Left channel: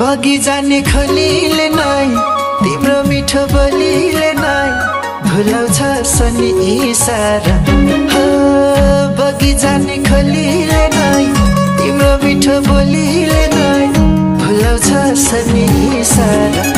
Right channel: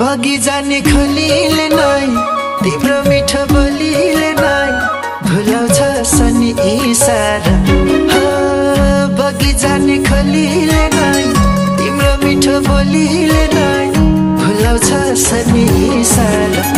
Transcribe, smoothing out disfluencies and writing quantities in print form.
बगी जाने खोलीले नै तिम्रो मिठो बोलीले नै भुलाउँछ सनी इसारा हो बगी जाने खोलीले नै तिम्रो मिठो बोलीले नै भुलाउँछ सनी इसारा